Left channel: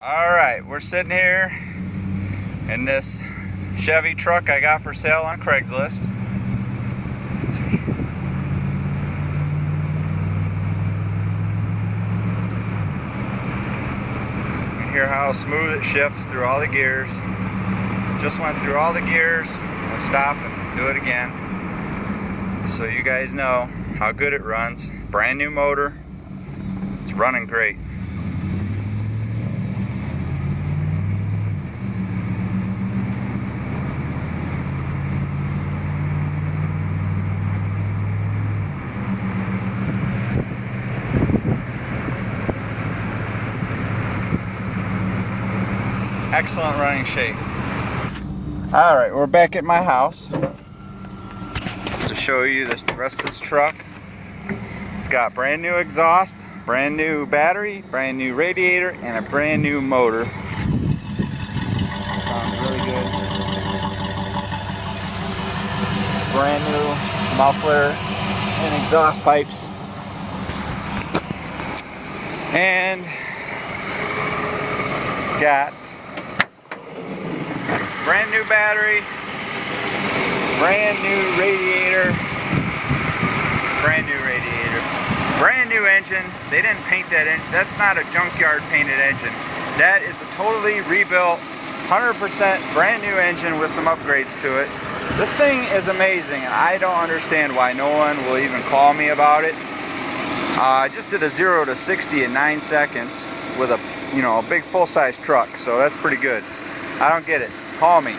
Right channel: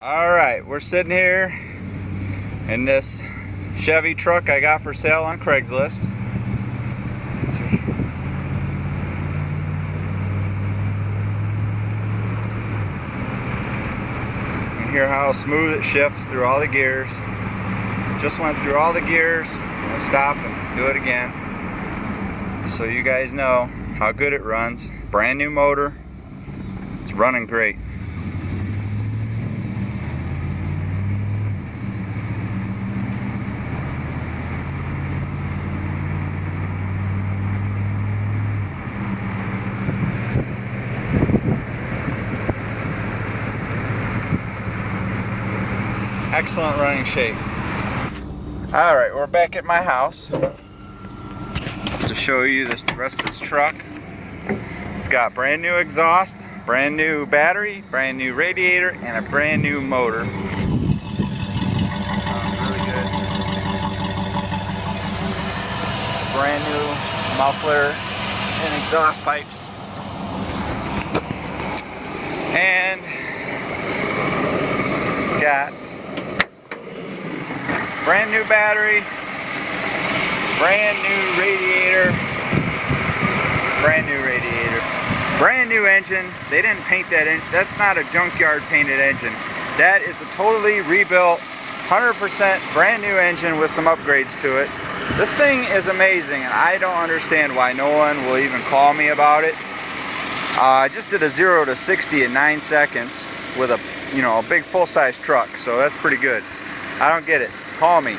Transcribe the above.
Alright, we're sitting here in this Chevy truck I got for sale on Craigslist. You hear how smooth it shifts through all the gears. Just went through all the gears. We'll stop and do it again, so you guys know how good it runs. Brand new motor. It's running great. Excellent running shape. Alright, we're back at my house just to show you the rest of this truck. It's got brand new exhaust, brand new battery, brand new radiator, and a brand new motor. Sounds really good. Brand new muffler and exhaust pipes. And it's got brand new battery, brand new radiator, brand new engine. They didn't paint that engine. That's not a junkyard painted engine. That is a totally rebuilt, 100% brand new engine with some upgrades to it. This thing is amazing, and I don't understand why no one will even call me about it. I just did a 0 to 60 in 9 seconds with a big full-size truck, so that's pretty good. I don't get it. Call me.